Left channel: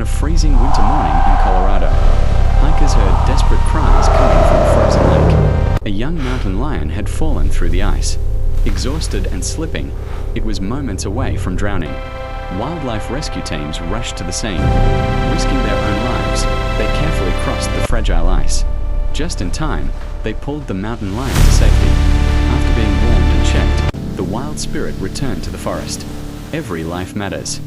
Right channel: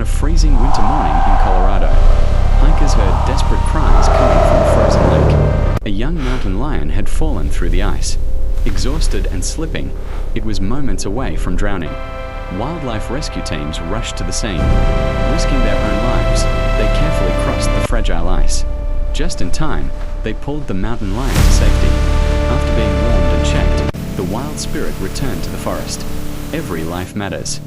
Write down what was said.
On a freezing winter morning in Colorado, hikers heard desperate cries coming from a frozen lake. A young mountain lion had fallen through the ice. Exhausted and slipping, it was moments away from drowning. Wildlife rescue teams rushed to the scene. Risking their own lives, they carefully crossed the fragile ice. Just in time, they pulled the mountain lion to safety. After being warmed and checked, the wild spirit returned to the forest. Every life matters.